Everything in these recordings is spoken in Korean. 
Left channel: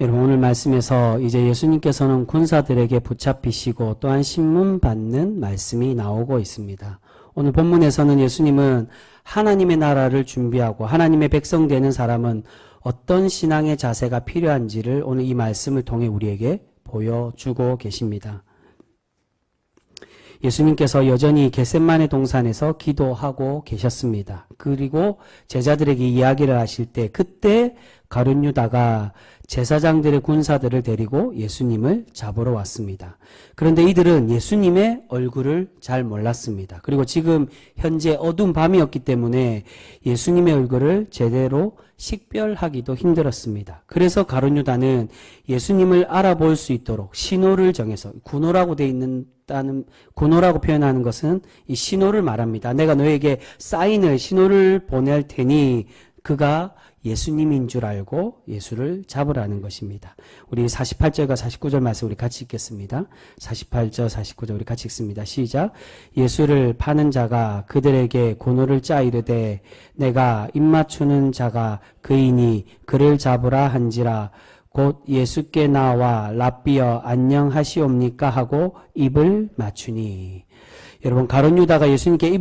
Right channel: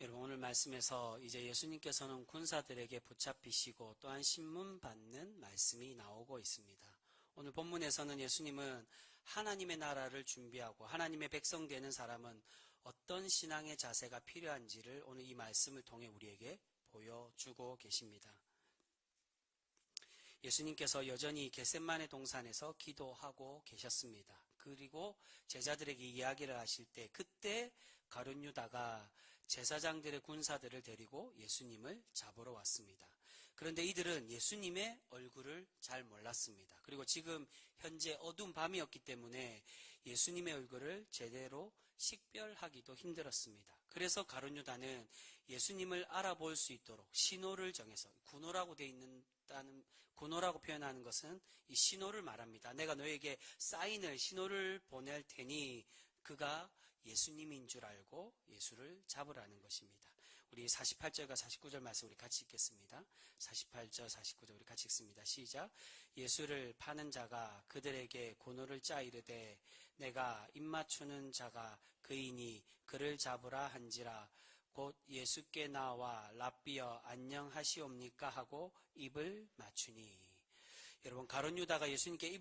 여러분, 오늘 말씀에서 이제 예수님께서는 군사들에게 붙잡히시고 또한 신문 받는 말씀이 나오고 있습니다. 오늘 본문에서는 예수님은 하나님의 나라를 준비하고 하나님의 백성 되는 사람은 어떤 신앙의 자세가 필요한지를 오늘 이 말씀을 통해 우리에게 보여주고 계십니다. 예수님께서 여전히 겟셋마네 동산에서 기도하고 계셨습니다. 그리고 제자들에게 이야기를 하실 때 그때 가룟 유다가 제사장들의 군사들을 데리고 예수님을 잡으러 왔습니다. 그런데 이들은 예수님의 얼굴을 잘 몰랐습니다. 그리고 지금 현재 어두운 밤이었기 때문에 예수님의 얼굴을 제대로 식별하기도 힘들었습니다. 그래서 가룟 유다는 예수님을 알아볼 수 있도록 신호를 정해서, 군호라고 돼 있는다는, 군호라고 표현하는 것은 이 신호를 말합니다. 내가 너에게 사인을, 신호를 보낼 테니 그가 예수님인 줄 알고 예수를 잡으라는 것입니다. 우리 48절과 49절 말씀 우리 같이 읽겠습니다. 48절 49절 우리 같이 읽습니다. 시작. 예수를 파는 자가 그들에게 군호를 짜 이르되 내가 입맞추는 자가 그이니 그를 잡으라 한지라 곧 예수께 나와 랍비여 안녕하시옵니까 하고 입을 맞추니. 여러분, 가룟 유다가 예수님께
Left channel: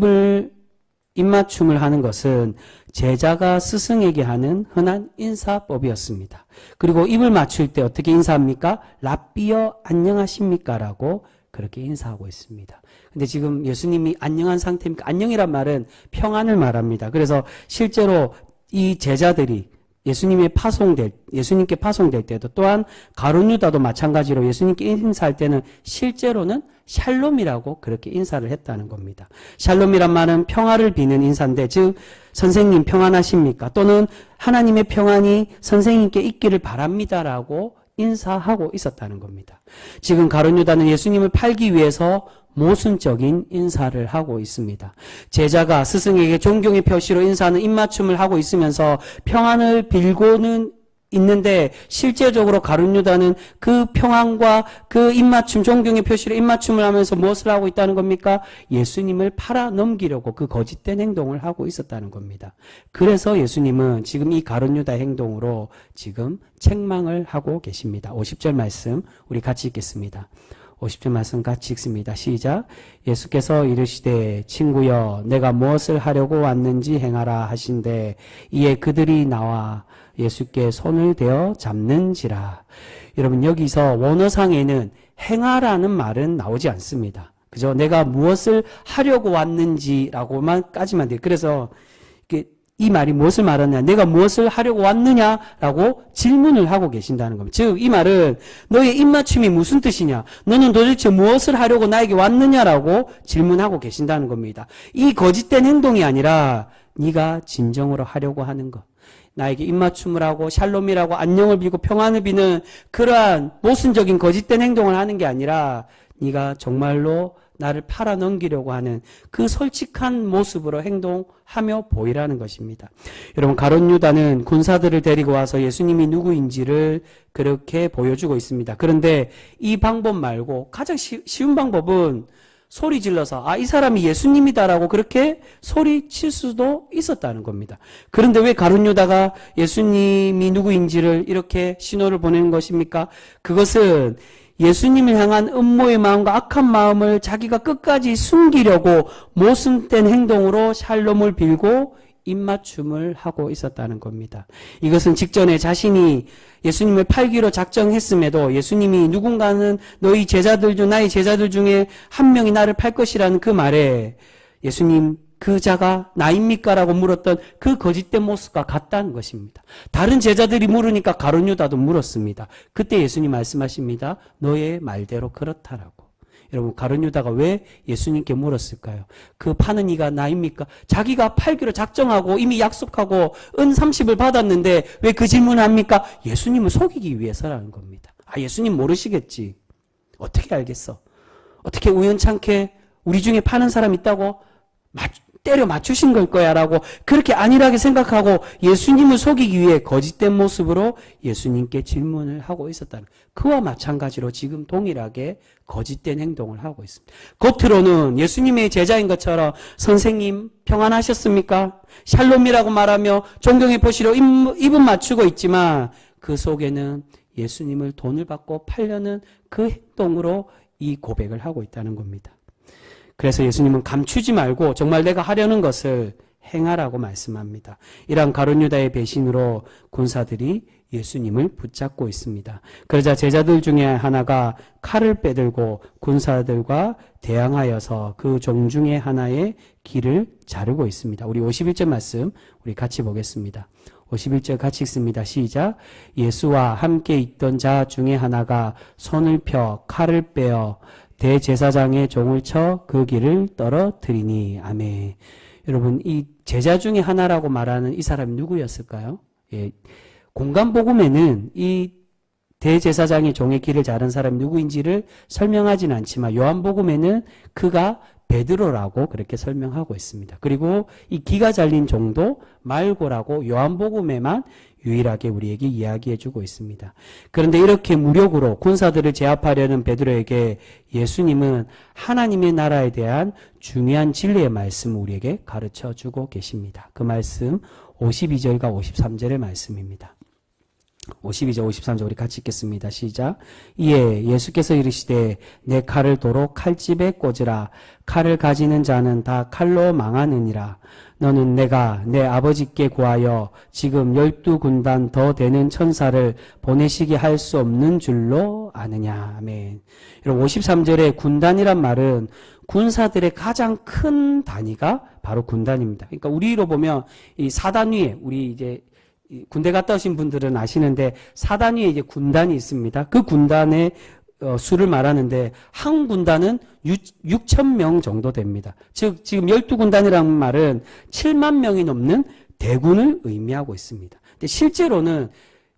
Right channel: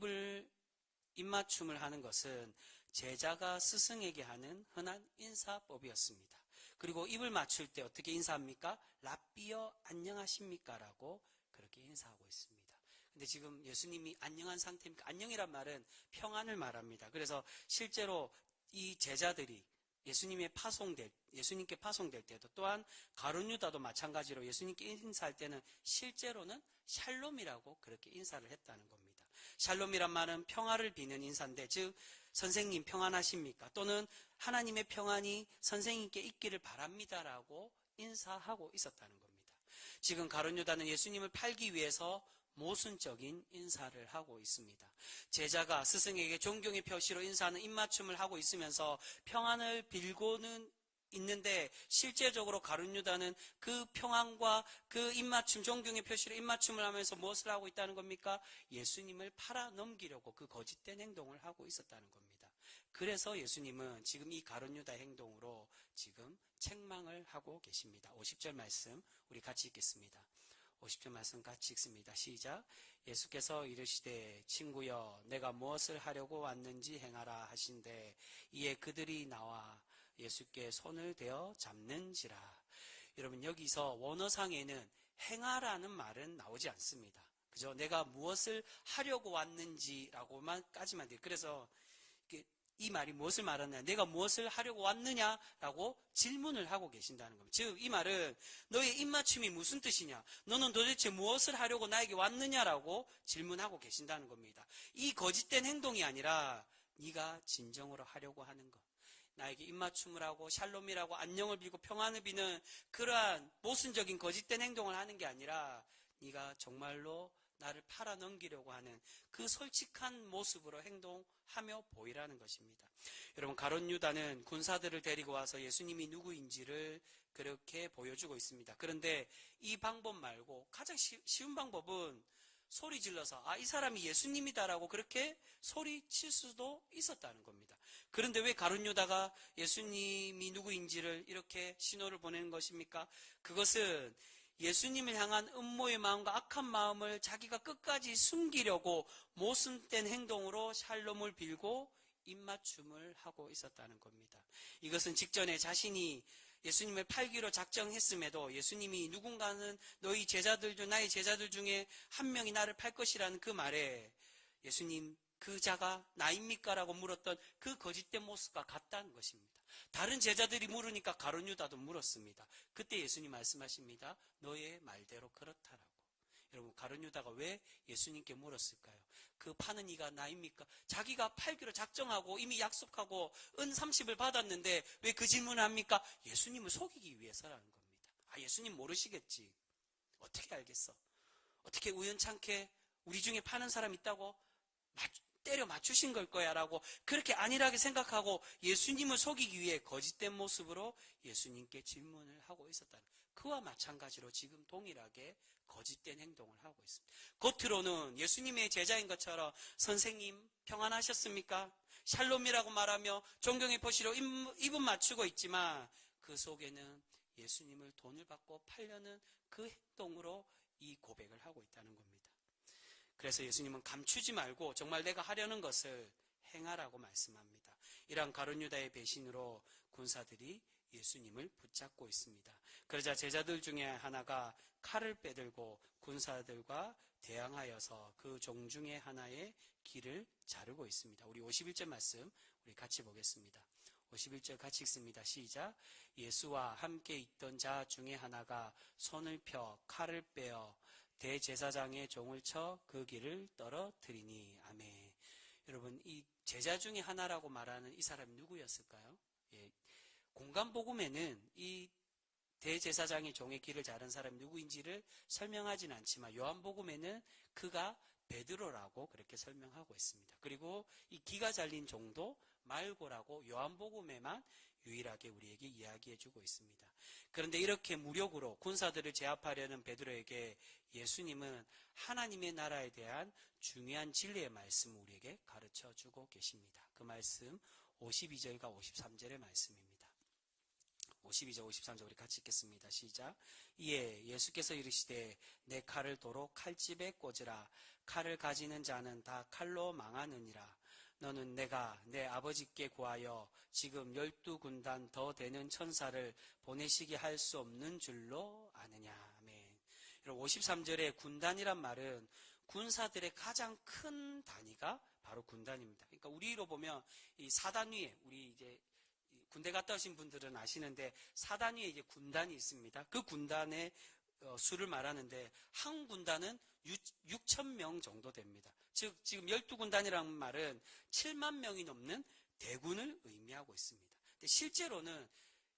입맞춤을 하는 것은 제자가 스승에게 하는 흔한 인사법이었습니다. 그리고 입을 맞출 때 어떻게 인사합니까? 랍비여 안녕하십니까? 라고 그렇게 인사하고 있습니다. 근데 지금 예수님이 안녕한 상태입니까? 안녕이란 말은 평안을 말합니다. 그래서 실제로 이 제자들이 예수님께 파송될 때도 또한 가룟 유다도 마찬가지로 예수님께 인사할 때는 실제로는 샬롬이라고 그렇게 인사를 했다는 겁니다. 샬롬이란 말은 평화를 비는 인사인데, 즉 선생님 평안하십니까? 또는 하나님의 평안이 선생님께 있기를 바랍니다라고 인사하고 있었다는 겁니다. 지금 가룟 유다는 예수님을 팔기 위해서 모순적인 인사를 하고 있습니다. 제자가 스승에게 존경의 표시로 인사하는 입맞춤을 하고 있으면서 평안을 빌고는 있는데 실제적으로 가룟 유다는 그 평안과 그 입맞춤, 존경의 표시로 입맞춤을 하면서 무엇을 하고 있다는 겁니까? 예수님을 팔아 넘기려고 그 거짓된 행동을 하고 있었다는 겁니다. 그래서 예수님은 지금 이 가룟 유다의 행동으로 지금 책망을 하고 계십니다. 50절 말씀 우리 같이 읽겠습니다. 50절 말씀 같이 읽습니다. 시작. 예수께서 이르시되 친구여 내가 무엇을 하려고 왔는지 행하라 하신대 이에 그들이 나와 예수께 손을 대어 잡는지라. 여러분, 여기서 원어상에는 행하라는 말은 나오지 않습니다. 그죠? 내가 무엇을 하려고 왔는지라고만까지만 돼요. 그래서 이 말이 무엇을 말하느냐, 내가 무엇을 하려고 왔느냐라고 질문을 하고 계신다는 겁니다. 즉 이 말은 너의 입맞춤이 무슨 뜻이냐, 너는 도대체 무엇을 하려고 나에게 왔느냐라고 질문하고 계신다는 겁니다. 이 거짓된 행동이 아니라 네가 진정으로 하려고 하는 것, 나에게 입맞춤을 하고 샬롬이라고 안녕을 빌고 평안을 비는 그러한 모순적인 거짓된 행동을 하는 게 아니라 네가 정말로 나를 팔아 넘기려고 하는 그 솔직한 모습으로 행동하며 보이라는 것입니다. 여러분, 가룟 유다는 군사들을 데리고 와서 예수님이 누구인지를 그렇게 보여주고 있습니다. 그런데 이 방법 말고 가장 쉬운 방법은 소리 질러서 이 사람이 예수님이다라고 그렇게 소리칠 수도 있었다는 겁니다. 그런데 왜 가룟 유다가 예수님이 누구인지를 이렇게 신호를 보내는 것입니까? 그것은 예수님을 향한 음모의 마음과 악한 마음을 자기가 끝까지 숨기려고 모순된 행동으로 샬롬을 빌고 입맞춤을 하고 있었다는 겁니다. 이것은 직전에 자신이 예수님을 팔기로 작정했음에도 예수님이 누군가는 너희 제자들 중 나의 제자들 중에 한 명이 나를 팔 것이라는 그 말에 예수님 그 자가 나입니까? 라고 물었던 그 거짓된 모습과 같다는 것입니다. 다른 제자들이 물으니까 가룟 유다도 물었습니다. 그때 예수님 말씀하십니다. 너의 말대로 그렇다라고. 여러분, 가룟 유다가 왜 예수님께 물었을까요? 그 파는 이가 나입니까? 자기가 팔기로 작정하고 이미 약속하고 은 30을 받았는데 왜 그 질문을 합니까? 예수님을 속이기 위해서라는 겁니다. 예수님 모르시겠지. 어떻게 알겠어? 어떻게 우연찮게 우리 중에 파는 사람 있다고 때려 맞추신 걸 거야 라고 그렇게 안일하게 생각하고 예수님을 속이기 위해 거짓된 모습으로 예수님께 질문을 하고 있었다는, 그와 마찬가지로 지금 동일하게 거짓된 행동을 하고 있습니다. 겉으로는 예수님의 제자인 것처럼 선생님 평안하셨습니까? 샬롬이라고 말하며 존경의 표시로 입은 맞추고 있지만 그 속에는 예수님을 돈을 받고 팔려는 그 행동으로 이 고백을 하고 있다는 겁니다. 그래서 예수님은 감추지 말고 정말 내가 하려는 것을 행하라고 말씀합니다. 이러한 가룟 유다의 배신으로 군사들이 예수님을 붙잡고 있습니다. 그러자 제자들 중에 하나가 칼을 빼들고 군사들과 대항하여서 그 종 중에 하나의 귀를 자르고 있습니다. 우리 51절 말씀 우리 같이 보겠습니다. 51절 같이 읽습니다. 시작. 예수와 함께 있던 자 중에 하나가 손을 펴 칼을 빼어 대제사장의 종을 쳐 그 귀를 떨어뜨리니. 아멘. 여러분, 이 제자 중에 하나라고 말하는 이 사람이 누구였을까요? 예, 공간복음에는 이 대제사장의 종의 귀를 자른 사람이 누구인지를 설명하지는 않지만 요한복음에는 그가 베드로라고 그렇게 설명하고 있습니다. 그리고 이 귀가 잘린 종도 말고라고 요한복음에만 유일하게 우리에게 이야기해주고 있습니다. 그런데 이렇게 무력으로 군사들을 제압하려는 베드로에게 예수님은 하나님의 나라에 대한 중요한 진리의 말씀을 우리에게 가르쳐주고 계십니다. 그 말씀 52절과 53절의 말씀입니다. 52절 53절 우리 같이 읽겠습니다. 시작. 이에 예수께서 이르시되 내 칼을 도로 칼집에 꽂으라. 칼을 가지는 자는 다 칼로 망하느니라. 너는 내가 내 아버지께 구하여 지금 12군단 더 되는 천사를 보내시게 할 수 없는 줄로 아느냐. 아멘. 여러분 53절에 군단이란 말은 군사들의 가장 큰 단위가 바로 군단입니다. 그러니까 우리로 보면 이 사단 위에 우리 이제 군대 갔다 오신 분들은 아시는데 사단 위에 이제 군단이 있습니다. 그 군단의 수를 말하는데 한 군단은 6,000명 정도 됩니다. 즉 지금 12군단이라는 말은 7만 명이 넘는 대군을 의미하고 있습니다. 근데 실제로는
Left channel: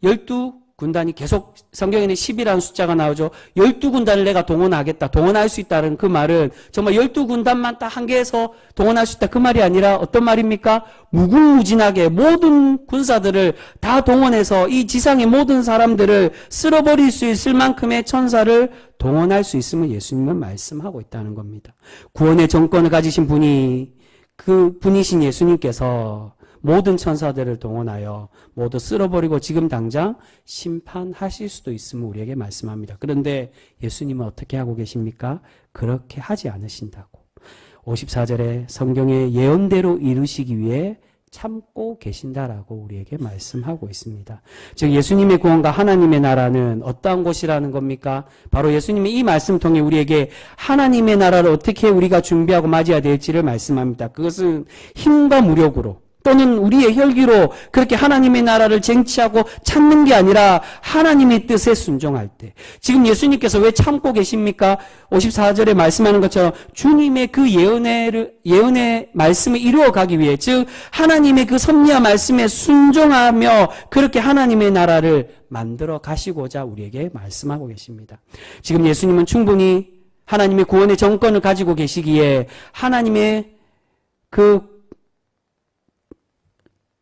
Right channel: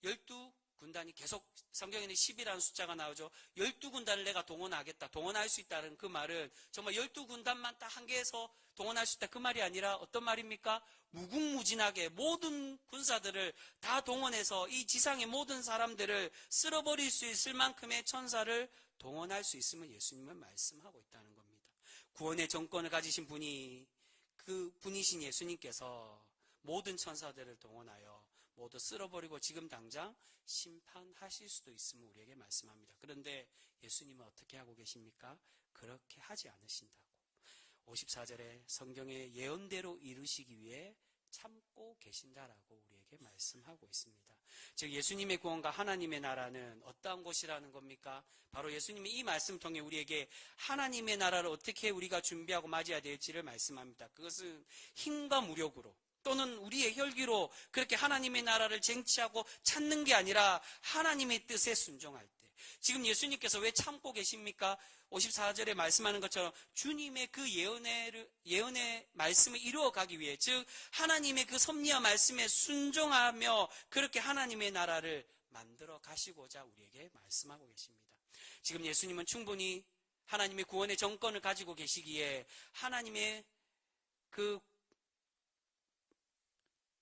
12군단이 계속 성경에는 10이라는 숫자가 나오죠. 12군단을 내가 동원하겠다. 동원할 수 있다는 그 말은 정말 12군단만 딱 한 개에서 동원할 수 있다. 그 말이 아니라 어떤 말입니까? 무궁무진하게 모든 군사들을 다 동원해서 이 지상의 모든 사람들을 쓸어버릴 수 있을 만큼의 천사를 동원할 수 있음을 예수님은 말씀하고 있다는 겁니다. 구원의 정권을 가지신 분이 그 분이신 예수님께서 모든 천사들을 동원하여 모두 쓸어버리고 지금 당장 심판하실 수도 있음을 우리에게 말씀합니다. 그런데 예수님은 어떻게 하고 계십니까? 그렇게 하지 않으신다고. 54절에 성경의 예언대로 이루시기 위해 참고 계신다라고 우리에게 말씀하고 있습니다. 즉 예수님의 구원과 하나님의 나라는 어떠한 곳이라는 겁니까? 바로 예수님의 이 말씀 통해 우리에게 하나님의 나라를 어떻게 우리가 준비하고 맞이해야 될지를 말씀합니다. 그것은 힘과 무력으로 또는 우리의 혈기로 그렇게 하나님의 나라를 쟁취하고 찾는 게 아니라 하나님의 뜻에 순종할 때. 지금 예수님께서 왜 참고 계십니까? 54절에 말씀하는 것처럼 주님의 그 예언의 말씀을 이루어가기 위해, 즉 하나님의 그 섭리와 말씀에 순종하며 그렇게 하나님의 나라를 만들어 가시고자 우리에게 말씀하고 계십니다. 지금 예수님은 충분히 하나님의 구원의 정권을 가지고 계시기에 하나님의 그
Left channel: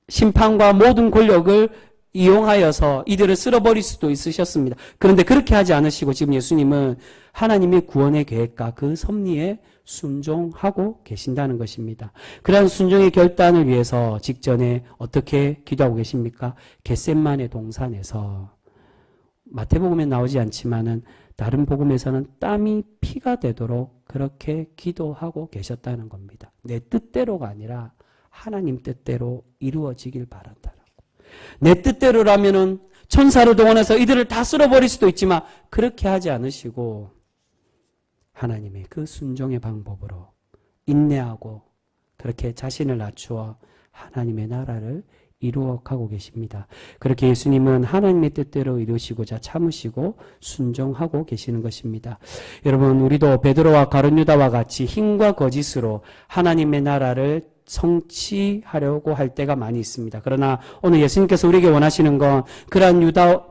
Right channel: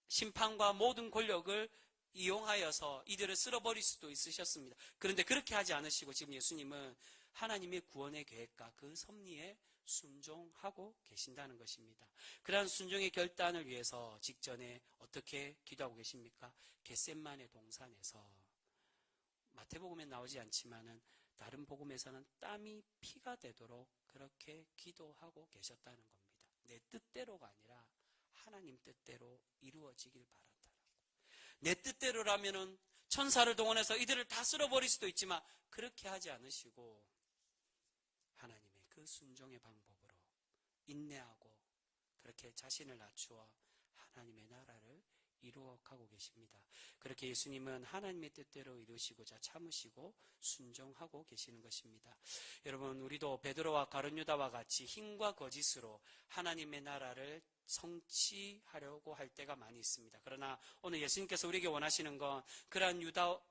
심판과 모든 권력을 이용하여서 이들을 쓸어버릴 수도 있으셨습니다. 그런데 그렇게 하지 않으시고 지금 예수님은 하나님의 구원의 계획과 그 섭리에 순종하고 계신다는 것입니다. 그러한 순종의 결단을 위해서 직전에 어떻게 기도하고 계십니까? 겟셋마네 동산에서, 마태복음에 나오지 않지만은 다른 복음에서는 땀이 피가 되도록 그렇게 기도하고 계셨다는 겁니다. 내 뜻대로가 아니라 하나님 뜻대로 이루어지길 바란다라고. 내 뜻대로라면은 천사를 동원해서 이들을 다 쓸어버릴 수도 있지만 그렇게 하지 않으시고 하나님의 그 순종의 방법으로 인내하고 그렇게 자신을 낮추어 하나님의 나라를 이루어가고 계십니다. 그렇게 예수님은 하나님의 뜻대로 이루시고자 참으시고 순종하고 계시는 것입니다. 여러분, 우리도 베드로와 가룟 유다와 같이 힘과 거짓으로 하나님의 나라를 성취하려고 할 때가 많이 있습니다. 그러나 오늘 예수님께서 우리에게 원하시는 건 그러한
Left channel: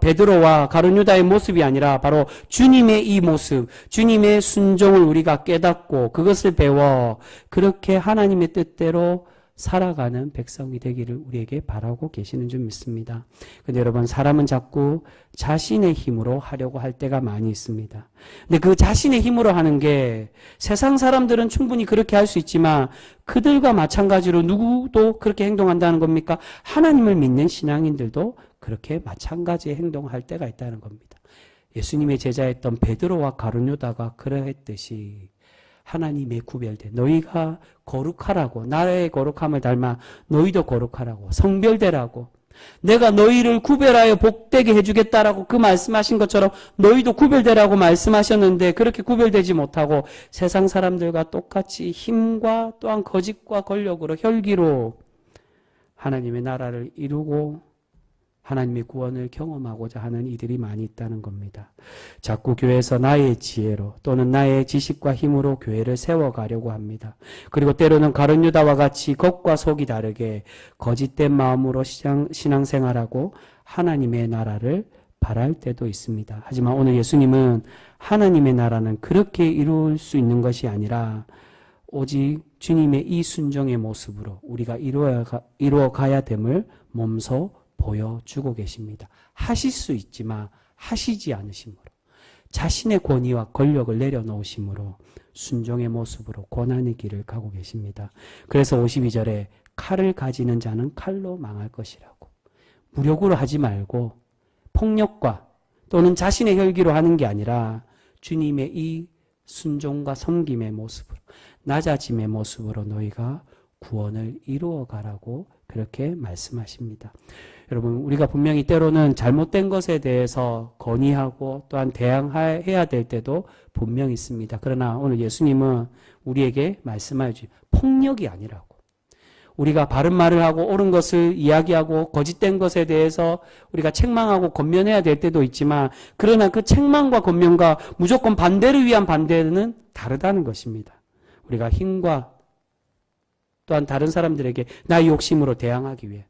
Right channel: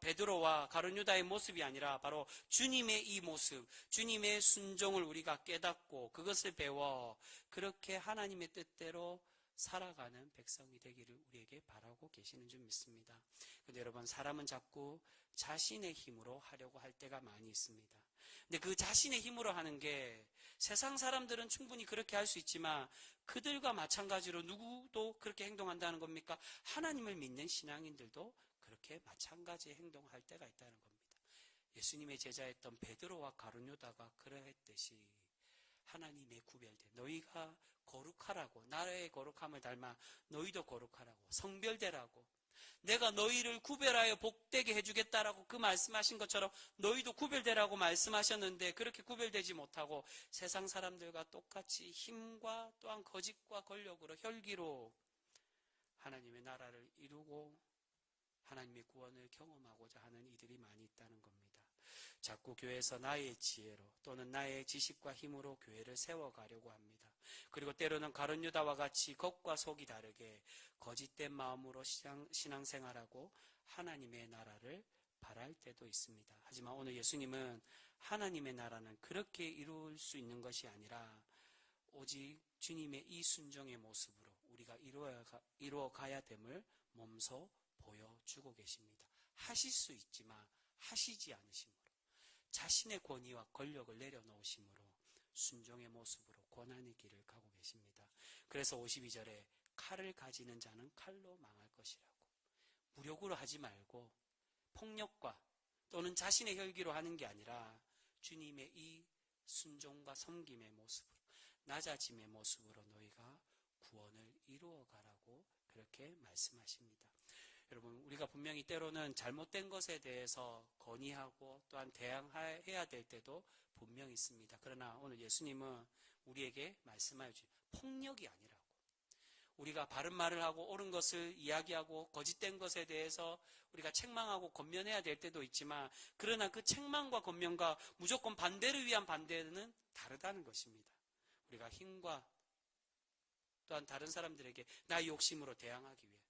베드로와 가룟 유다의 모습이 아니라 바로 주님의 이 모습, 주님의 순종을 우리가 깨닫고 그것을 배워 그렇게 하나님의 뜻대로 살아가는 백성이 되기를 우리에게 바라고 계시는 줄 믿습니다. 근데 여러분, 사람은 자꾸 자신의 힘으로 하려고 할 때가 많이 있습니다. 근데 그 자신의 힘으로 하는 게 세상 사람들은 충분히 그렇게 할 수 있지만 그들과 마찬가지로 누구도 그렇게 행동한다는 겁니까? 하나님을 믿는 신앙인들도 그렇게 마찬가지의 행동할 때가 있다는 겁니다. 예수님의 제자였던 베드로와 가룟 유다가 그러했듯이 하나님의 구별된 너희가 거룩하라고, 나의 거룩함을 닮아 너희도 거룩하라고, 성별되라고, 내가 너희를 구별하여 복되게 해주겠다라고 그 말씀하신 것처럼 너희도 구별되라고 말씀하셨는데 그렇게 구별되지 못하고 세상 사람들과 똑같이 힘과 또한 거짓과 권력으로 혈기로 하나님의 나라를 이루고 하나님의 구원을 경험하고자 하는 이들이 많이 있다는 겁니다. 자꾸 교회에서 나의 지혜로 또는 나의 지식과 힘으로 교회를 세워가려고 합니다. 그리고 때로는 가룟 유다와 같이 겉과 속이 다르게 거짓된 마음으로 신앙생활하고 하나님의 나라를 바랄 때도 있습니다. 하지만 오늘 예수님은 하나님의 나라는 그렇게 이룰 수 있는 것이 아니라 오직 주님의 이 순종의 모습으로 우리가 이루어가야 됨을 몸소 보여주고 계십니다. 하실 수 있지만 하시지 않으심으로 자신의 권위와 권력을 내려놓으심으로 순종의 모습으로 고난의 길을 가고 계십니다. 그래서 52절에 칼을 가지는 자는 칼로 망할 것이라고, 무력으로 하지 말고 폭력과 또는 자신의 혈기로 하는 게 아니라 주님의 이 순종과 섬김의 모습으로, 낮아짐의 모습으로 너희가 구원을 이루어가라고 그렇게 말씀하십니다. 여러분, 우리가 분명히 때로는 잘못된 것에 대해서 건의하고 또한 대항해야 될 때도 분명히 있습니다. 그러나 오늘 예수님은 우리에게 말씀하여 주십니다. 폭력이 아니라고. 우리가 바른 말을 하고 옳은 것을 이야기하고 거짓된 것에 대해서 우리가 책망하고 권면해야 될 때도 있지만, 그러나 그 책망과 권면과 무조건 반대를 위한 반대는 다르다는 것입니다. 우리가 힘과 또한 다른 사람들에게 나의 욕심으로 대항하기 위해,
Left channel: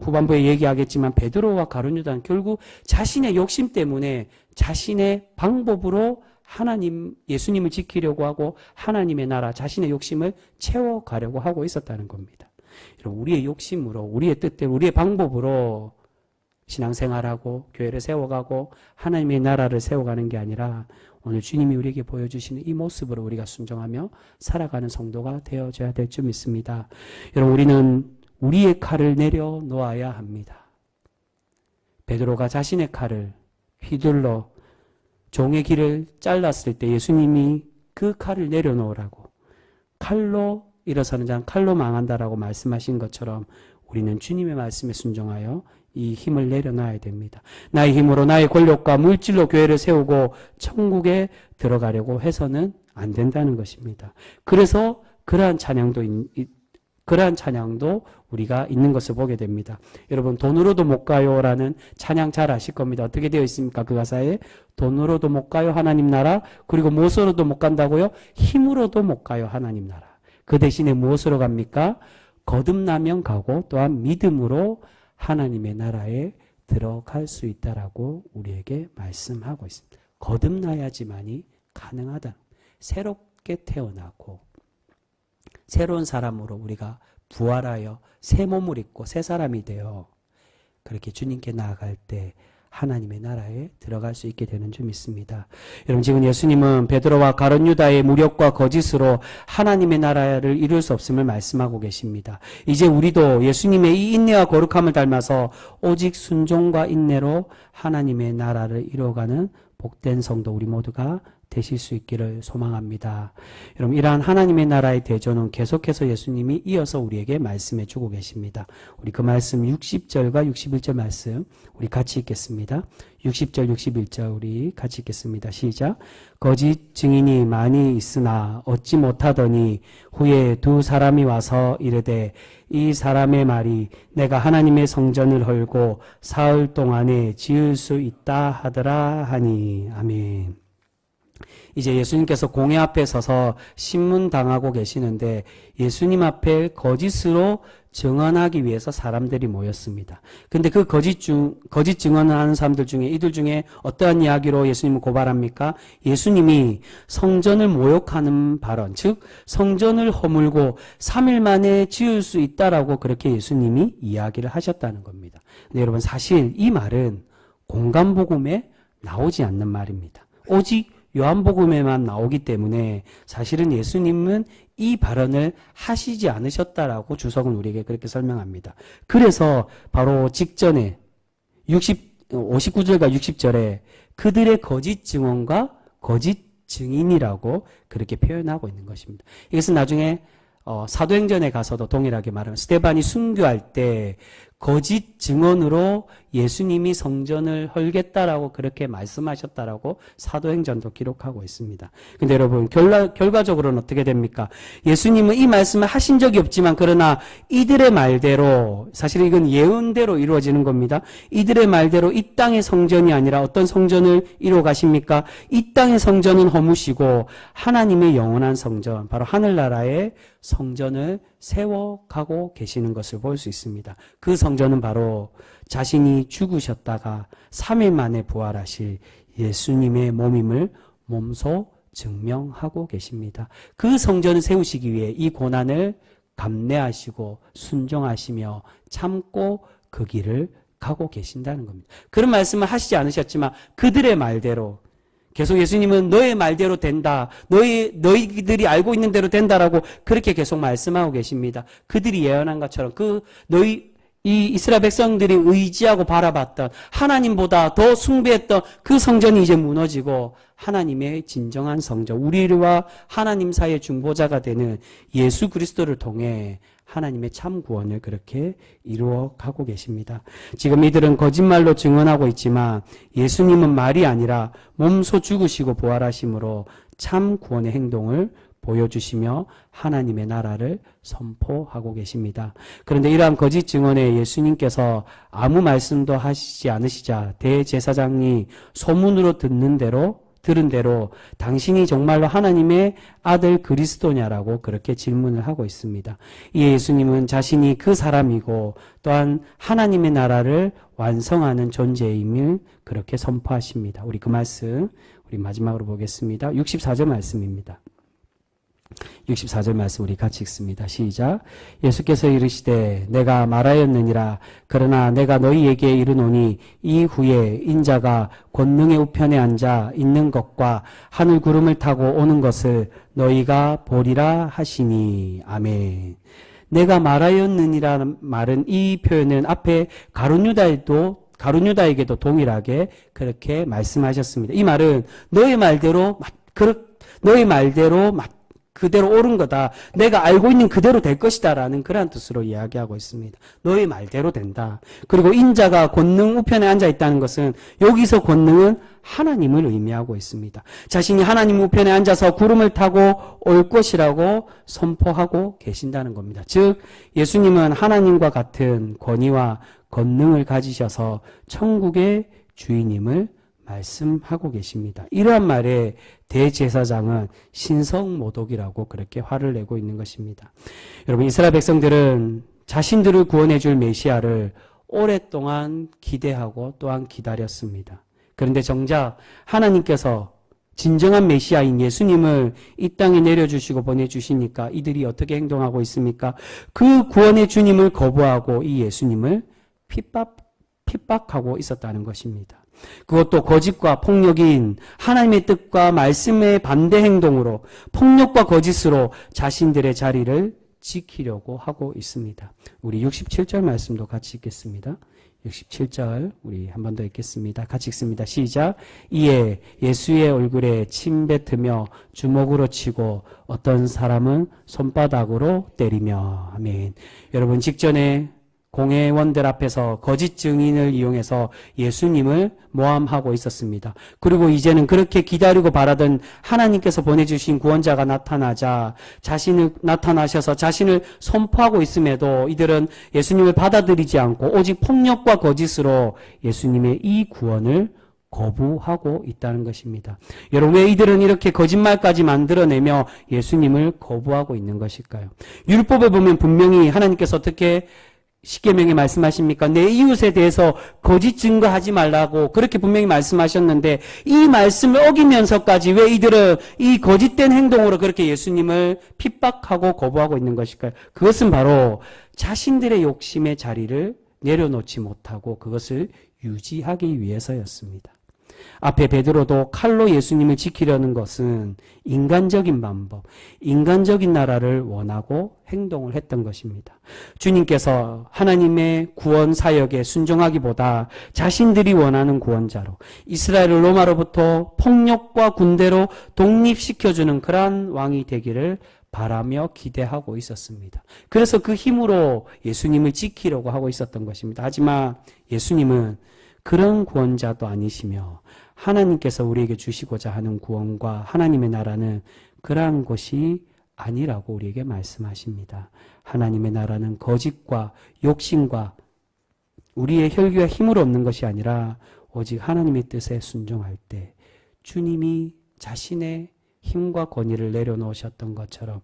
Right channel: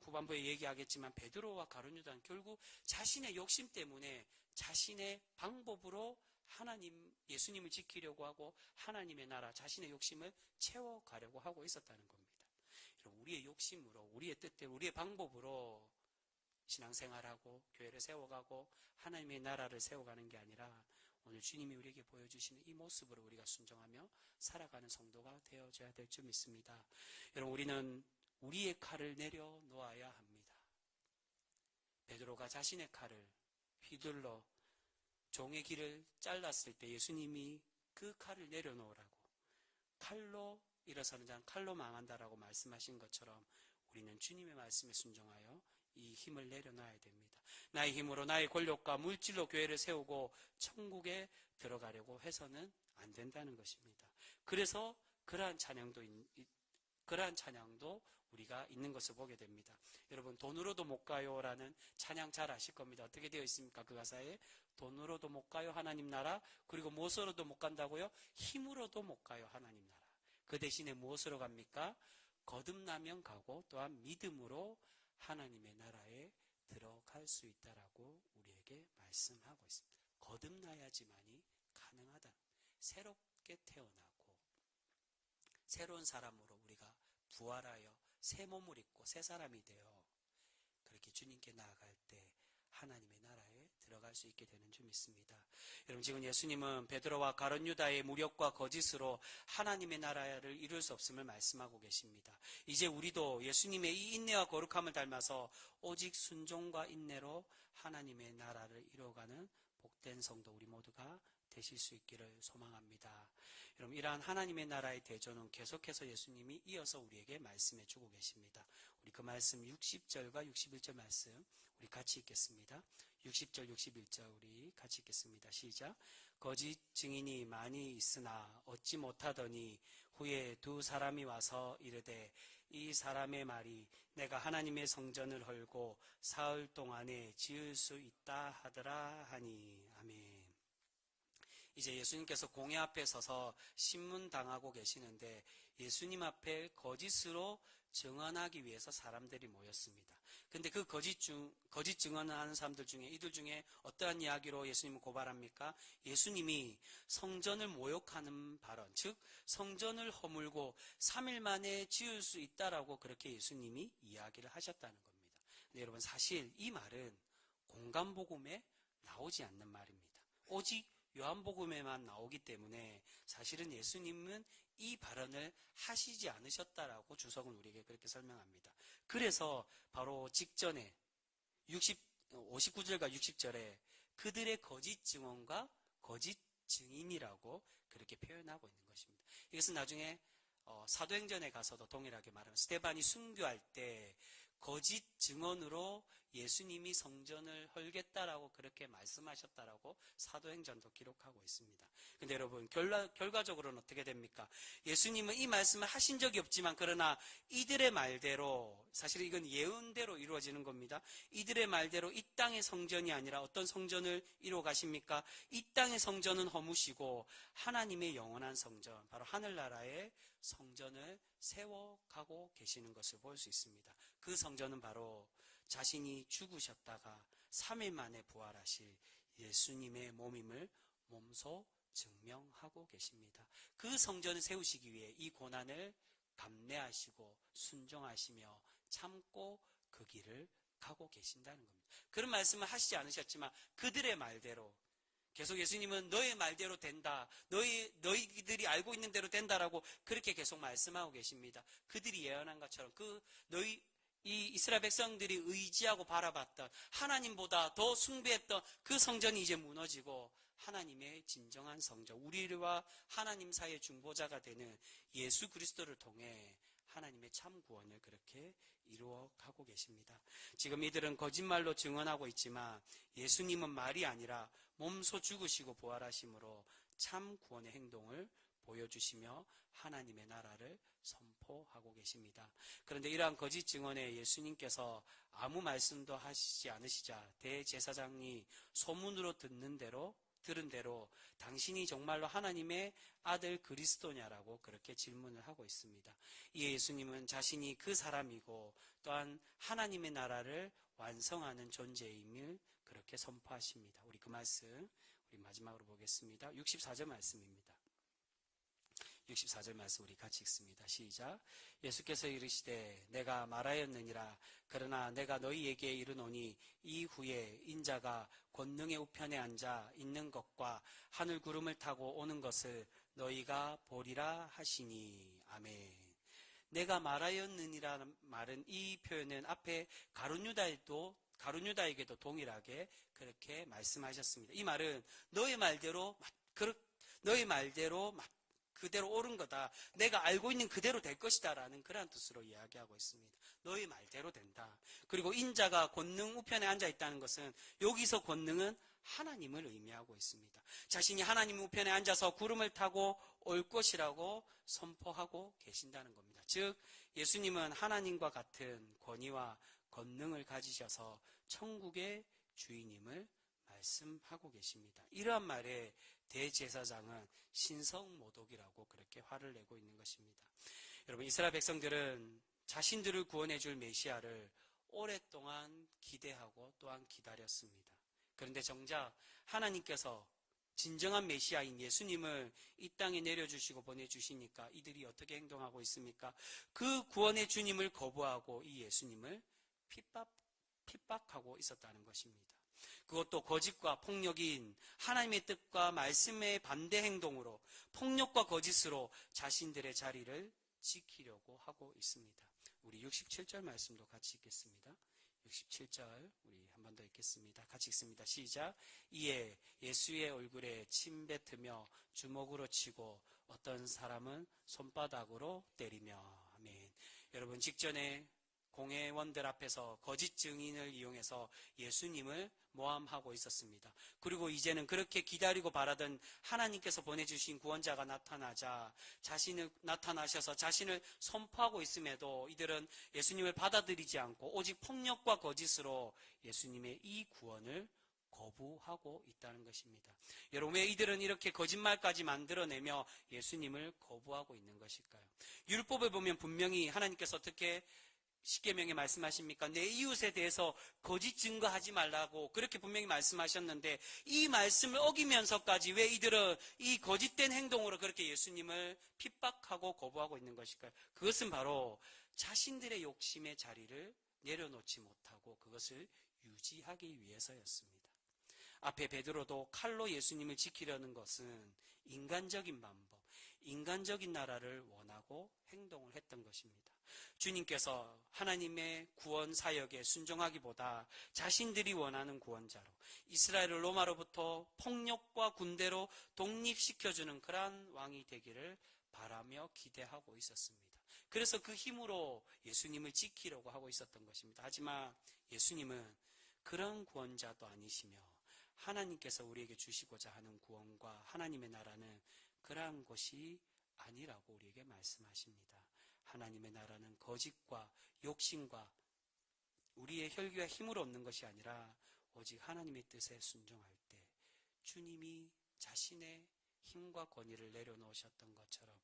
후반부에 얘기하겠지만 베드로와 가룟 유다는 결국 자신의 욕심 때문에 자신의 방법으로 예수님을 지키려고 하고 하나님의 나라, 자신의 욕심을 채워가려고 하고 있었다는 겁니다. 우리의 욕심으로, 우리의 뜻대로, 우리의 방법으로 신앙생활하고 교회를 세워가고 하나님의 나라를 세워가는 게 아니라 오늘 주님이 우리에게 보여주시는 이 모습으로 우리가 순종하며 살아가는 성도가 되어져야 될 줄 믿습니다. 여러분, 우리는 우리의 칼을 내려놓아야 합니다. 베드로가 자신의 칼을 휘둘러 종의 길을 잘랐을 때 예수님이 그 칼을 내려놓으라고, 칼로 일어서는 자는 칼로 망한다라고 말씀하신 것처럼 우리는 주님의 말씀에 순종하여 이 힘을 내려놔야 됩니다. 나의 힘으로, 나의 권력과 물질로 교회를 세우고 천국에 들어가려고 해서는 안 된다는 것입니다. 그래서 그러한 찬양도 우리가 있는 것을 보게 됩니다. 여러분, 돈으로도 못 가요라는 찬양 잘 아실 겁니다. 어떻게 되어 있습니까? 그 가사에 돈으로도 못 가요 하나님 나라, 그리고 무엇으로도 못 간다고요? 힘으로도 못 가요 하나님 나라. 그 대신에 무엇으로 갑니까? 거듭나면 가고 또한 믿음으로 하나님의 나라에 들어갈 수 있다라고 우리에게 말씀하고 있습니다. 거듭나야지만이 가능하다. 새롭게 태어나고 새로운 사람으로 우리가 부활하여 새 몸을 입고 새 사람이 되어 그렇게 주님께 나아갈 때 하나님의 나라에 들어갈 수 있게 되는 줄 믿습니다. 여러분, 지금 예수님은 베드로와 가룟 유다의 무력과 거짓으로 하나님의 나라를 이룰 수 없음을 말씀하고 계십니다. 이제 우리도 예수님의 이 인내와 거룩함을 닮아서 오직 순종과 인내로 하나님의 나라를 이루어가는 복된 성도 우리 모두가 되실 수 있기를 소망합니다. 여러분, 이러한 하나님의 나라의 대조는 계속해서 예수님이 이어서 우리에게 말씀해 주고 계십니다. 우리 그 말씀 60절과 61절 말씀 우리 같이 읽겠습니다. 60절 61절 우리 같이 읽겠습니다. 시작. 거짓 증인이 많이 있으나 얻지 못하더니 후에 두 사람이 와서 이르되 이 사람의 말이 내가 하나님의 성전을 헐고 사흘 동안에 지을 수 있다 하더라 하니. 아멘. 이제 예수님께서 공회 앞에 서서 신문당하고 계시는데 예수님 앞에 거짓으로 증언하기 위해서 사람들이 모였습니다. 근데 그 거짓 증언을 하는 사람들 중에 이들 중에 어떠한 이야기로 예수님을 고발합니까? 예수님이 성전을 모욕하는 발언, 즉 성전을 허물고 3일 만에 지을 수 있다라고 그렇게 예수님이 이야기를 하셨다는 겁니다. 근데 여러분, 사실 이 말은 공간복음에 나오지 않는 말입니다. 오직 요한복음에만 나오기 때문에 사실은 예수님은 이 발언을 하시지 않으셨다라고 주석은 우리에게 그렇게 설명합니다. 그래서 바로 직전에 59절과 60절에 그들의 거짓 증언과 거짓 증인이라고 그렇게 표현하고 있는 것입니다. 이것은 나중에 사도행전에 가서도 동일하게 말하면 스데반이 순교할 때 거짓 증언으로 예수님이 성전을 헐겠다라고 그렇게 말씀하셨다라고 사도행전도 기록하고 있습니다. 근데 여러분 결과적으로는 어떻게 됩니까? 예수님은 이 말씀을 하신 적이 없지만 그러나 이들의 말대로, 사실 이건 예언대로 이루어지는 겁니다. 이들의 말대로 이 땅의 성전이 아니라 어떤 성전을 이루어 가십니까? 이 땅의 성전은 허무시고 하나님의 영원한 성전, 바로 하늘나라의 성전을 세워가고 계시는 것을 볼 수 있습니다. 그 성전은 바로 자신이 죽으셨다가 3일 만에 부활하실 예수님의 몸임을 몸소 증명하고 계십니다. 그 성전을 세우시기 위해 이 고난을 감내하시고 순종하시며 참고 그 길을 가고 계신다는 겁니다. 그런 말씀을 하시지 않으셨지만 그들의 말대로 계속 예수님은 너의 말대로 된다. 너희들이 알고 있는 대로 된다라고 그렇게 계속 말씀하고 계십니다. 그들이 예언한 것처럼 이 이스라엘 백성들이 의지하고 바라봤던 하나님보다 더 숭배했던 그 성전이 이제 무너지고 하나님의 진정한 성전, 우리와 하나님 사이의 중보자가 되는 예수 그리스도를 통해 하나님의 참 구원을 그렇게 이루어가고 계십니다. 지금 이들은 거짓말로 증언하고 있지만 예수님은 말이 아니라 몸소 죽으시고 부활하심으로 참 구원의 행동을 보여주시며 하나님의 나라를 선포하고 계십니다. 그런데 이러한 거짓 증언에 예수님께서 아무 말씀도 하시지 않으시자 대제사장이 소문으로 들은 대로 당신이 정말로 하나님의 아들 그리스도냐라고 그렇게 질문을 하고 있습니다. 이에 예수님은 자신이 그 사람이고 또한 하나님의 나라를 완성하는 존재임을 그렇게 선포하십니다. 우리 그 말씀 우리 마지막으로 보겠습니다. 64절 말씀입니다. 64절 말씀 우리 같이 읽습니다. 시작. 예수께서 이르시되 내가 말하였느니라. 그러나 내가 너희에게 이르노니 이후에 인자가 권능의 우편에 앉아 있는 것과 하늘 구름을 타고 오는 것을 너희가 보리라 하시니. 아멘. 내가 말하였느니라는 말은, 이 표현은 앞에 가룟유다에게도 동일하게 그렇게 말씀하셨습니다. 이 말은 너희 말대로 그대로 옳은 거다. 내가 알고 있는 그대로 될 것이다 라는 그러한 뜻으로 이야기하고 있습니다. 너의 말대로 된다. 그리고 인자가 권능 우편에 앉아 있다는 것은 여기서 권능은 하나님을 의미하고 있습니다. 자신이 하나님 우편에 앉아서 구름을 타고 올 것이라고 선포하고 계신다는 겁니다. 즉 예수님은 하나님과 같은 권위와 권능을 가지셔서 천국의 주인임을 말씀하고 계십니다. 이러한 말에 대제사장은 신성모독이라고 그렇게 화를 내고 있는 것입니다. 여러분, 이스라엘 백성들은 자신들을 구원해 줄 메시아를 오랫동안 기대하고 또한 기다렸습니다. 그런데 정작 하나님께서 진정한 메시아인 예수님을 이 땅에 내려주시고 보내주시니까 이들이 어떻게 행동하고 있습니까? 그 구원의 주님을 거부하고 이 예수님을 핍박하고 있었다는 것입니다. 그것도 거짓과 폭력인 하나님의 뜻과 말씀의 반대 행동으로, 폭력과 거짓으로 자신들의 자리를 지키려고 하고 있습니다. 우리 67절 말씀도 같이 읽겠습니다. 67절 우리 한 번 더 읽겠습니다. 같이 읽습니다. 시작. 이에 예수의 얼굴에 침 뱉으며 주먹으로 치고 어떤 사람은 손바닥으로 때리며. 아멘. 여러분, 직전에 공회원들 앞에서 거짓 증인을 이용해서 예수님을 모함하고 있었습니다. 그리고 이제는 그렇게 기다리고 바라던 하나님께서 보내주신 구원자가 나타나셔서 자신을 선포하고 있음에도 이들은 예수님을 받아들이지 않고 오직 폭력과 거짓으로 예수님의 이 구원을 거부하고 있다는 것입니다. 여러분, 왜 이들은 이렇게 거짓말까지 만들어내며 예수님을 거부하고 있는 것일까요? 율법에 보면 분명히 하나님께서 어떻게 십계명에 말씀하십니까? 내 이웃에 대해서 거짓 증거하지 말라고 그렇게 분명히 말씀하셨는데 이 말씀을 어기면서까지 왜 이들은 이 거짓된 행동으로 그렇게 예수님을 핍박하고 거부하고 있는 것일까요? 그것은 바로 자신들의 욕심의 자리를 내려놓지 못하고 그것을 유지하기 위해서였습니다. 앞에 베드로도 칼로 예수님을 지키려는 것은 인간적인 방법, 인간적인 나라를 원하고 행동을 했던 것입니다. 주님께서 하나님의 구원 사역에 순종하기보다 자신들이 원하는 구원자로 이스라엘을 로마로부터 폭력과 군대로 독립시켜주는 그러한 왕이 되기를 바라며 기대하고 있었습니다. 그래서 그 힘으로 예수님을 지키려고 하고 있었던 것입니다. 하지만 예수님은 그런 구원자도 아니시며 하나님께서 우리에게 주시고자 하는 구원과 하나님의 나라는 그러한 것이 아니라고 우리에게 말씀하십니다. 하나님의 나라는 거짓과 욕심과 우리의 혈기와 힘으로 없는 것이 아니라 오직 하나님의 뜻에 순종할 때 주님이 자신의 힘과 권위를 내려놓으셨던 것처럼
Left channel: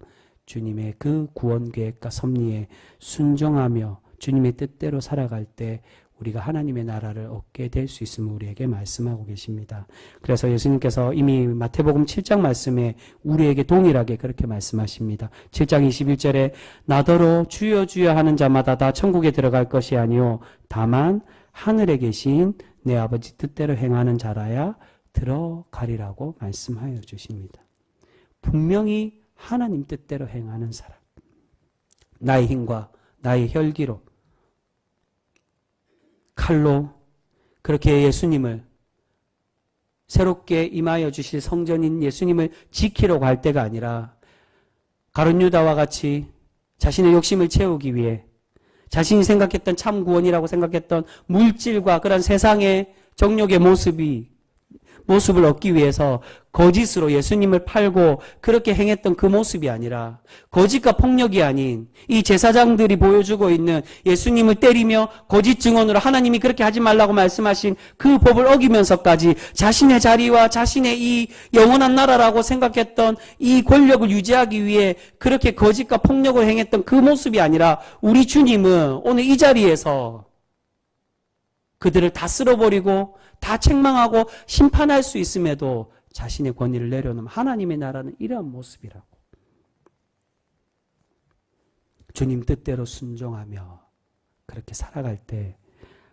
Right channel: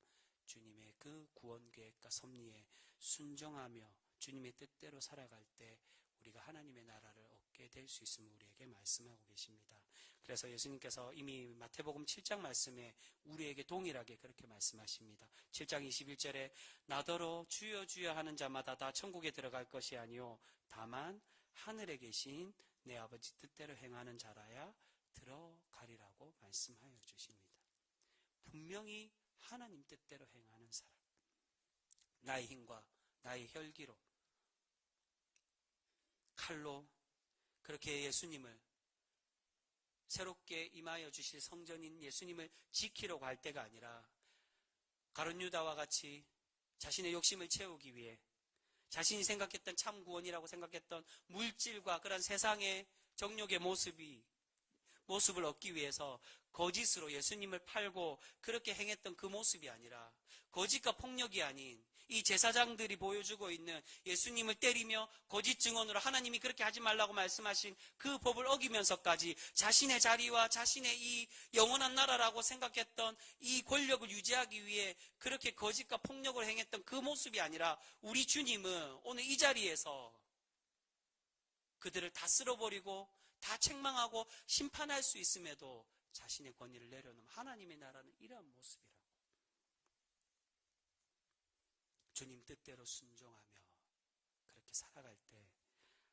주님의 그 구원 계획과 섭리에 순종하며 주님의 뜻대로 살아갈 때 우리가 하나님의 나라를 얻게 될 수 있음을 우리에게 말씀하고 계십니다. 그래서 예수님께서 이미 마태복음 7장 말씀에 우리에게 동일하게 그렇게 말씀하십니다. 7장 21절에 나더러 주여 주여 하는 자마다 다 천국에 들어갈 것이 아니요 다만 하늘에 계신 내 아버지 뜻대로 행하는 자라야 들어가리라고 말씀하여 주십니다. 분명히 하나님 뜻대로 행하는 사람, 나의 힘과 나의 혈기로 칼로 그렇게 예수님을 새롭게 임하여 주실 성전인 예수님을 지키려고 할 때가 아니라 가룟 유다와 같이 자신의 욕심을 채우기 위해 자신이 생각했던 참 구원이라고 생각했던 물질과 그런 세상의 정욕의 모습을 얻기 위해서 거짓으로 예수님을 팔고 그렇게 행했던 그 모습이 아니라 거짓과 폭력이 아닌 이 제사장들이 보여주고 있는 예수님을 때리며 거짓 증언으로 하나님이 그렇게 하지 말라고 말씀하신 그 법을 어기면서까지 자신의 자리와 자신의 이 영원한 나라라고 생각했던 이 권력을 유지하기 위해 그렇게 거짓과 폭력을 행했던 그 모습이 아니라 우리 주님은 오늘 이 자리에서 그들을 다 쓸어버리고 다 책망하고 심판할 수 있음에도 자신의 권위를 내려놓은 하나님의 나라는 이러한 모습이라고. 주님 뜻대로 순종하며 그렇게 살아갈 때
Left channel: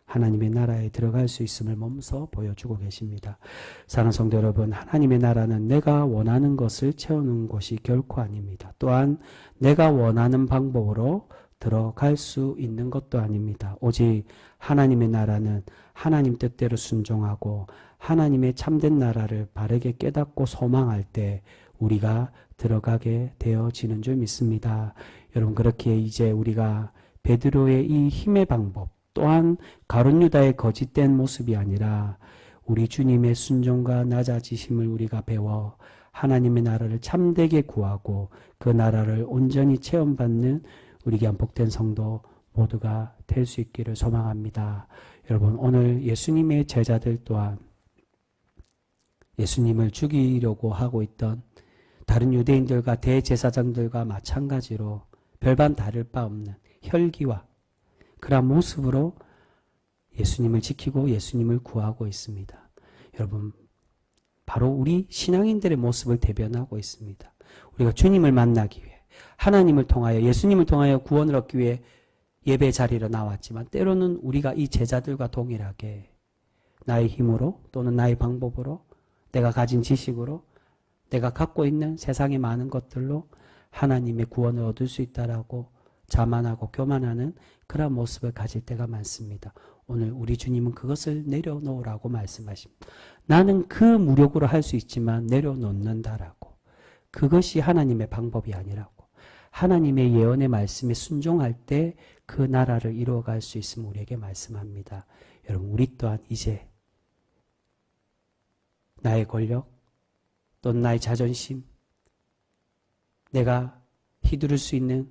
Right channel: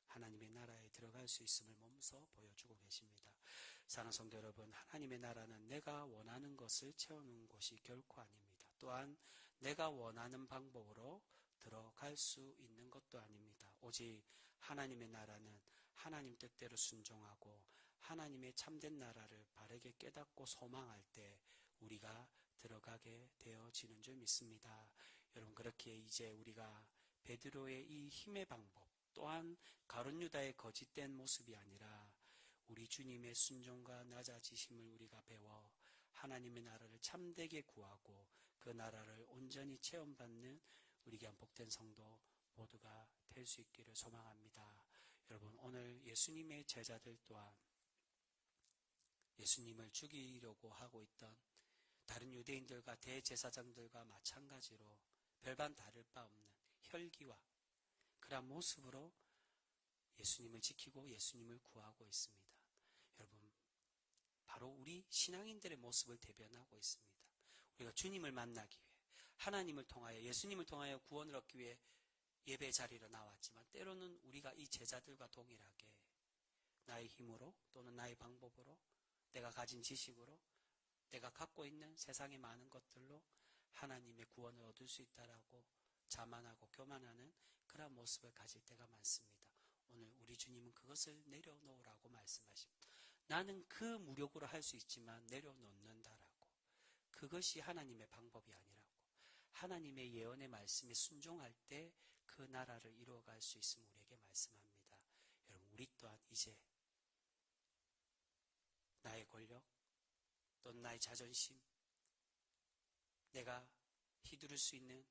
하나님의 나라에 들어갈 수 있음을 몸소 보여주고 계십니다. 사랑하는 성도 여러분, 하나님의 나라는 내가 원하는 것을 채우는 곳이 결코 아닙니다. 또한 내가 원하는 방법으로 들어갈 수 있는 것도 아닙니다. 오직 하나님의 나라는 하나님 뜻대로 순종하고 하나님의 참된 나라를 바르게 깨닫고 소망할 때 우리가 들어가게 되어지는 줄 믿습니다. 여러분, 그렇게 이제 우리가 베드로의 이 힘의 방법 또한 가룟 유다의 거짓된 모습이 아니라 우리 주님의 순종과 낮아지심을 우리가 배워 하나님의 나라를 참되게 구하고 그 나라를 온전히 체험받는 우리 귀한 복된 성도 모두가 될 수 있기를 소망합니다. 여러분, 오늘 예수님의 제자들 또한 예수님을 죽이려고 하고 있던 다른 유대인들과 대제사장들과 마찬가지로 별반 다를 바 없는 혈기와 그러한 모습으로 예수님을 지키고 예수님을 구하고 있습니다. 여러분, 바로 우리 신앙인들의 모습을 대변하고 있습니다. 우리가 주님을 만나기 위해 하나님을 통하여 예수님을 통하여 구원을 얻기 위해 예배 자리로 나왔지만 때로는 우리가 이 제자들과 동일하게 나의 힘으로 또는 나의 방법으로 내가 가진 지식으로 내가 갖고 있는 세상의 많은 것들로 하나님의 구원을 얻을 수 있다라고 자만하고 교만하는 그런 모습을 가질 때가 많습니다. 오늘 우리 주님은 그것을 내려놓으라고 말씀하십니다. 나는 그 무력으로 할 수 있지만 내려놓는다라고. 그것이 하나님의 방법이 아니라고. 하나님의 예언의 말씀에 순종할 때 그 나라를 이루어갈 수 있음을 우리에게 말씀합니다. 여러분, 우리 또한 이제 나의 권력 또는 나의 자존심, 내가 휘두를 수 있는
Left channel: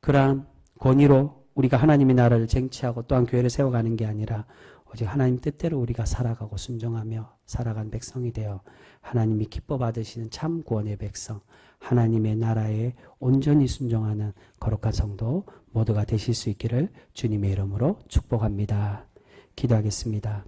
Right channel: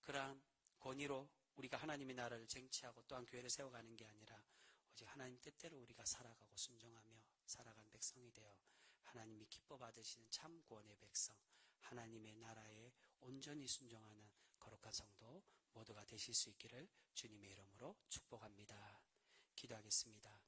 그러한 권위로 우리가 하나님의 나라를 쟁취하고 또한 교회를 세워가는 게 아니라 오직 하나님 뜻대로 우리가 살아가고 순종하며 살아간 백성이 되어 하나님이 기뻐 받으시는 참 구원의 백성, 하나님의 나라에 온전히 순종하는 거룩한 성도 모두가 되실 수 있기를 주님의 이름으로 축복합니다. 기도하겠습니다.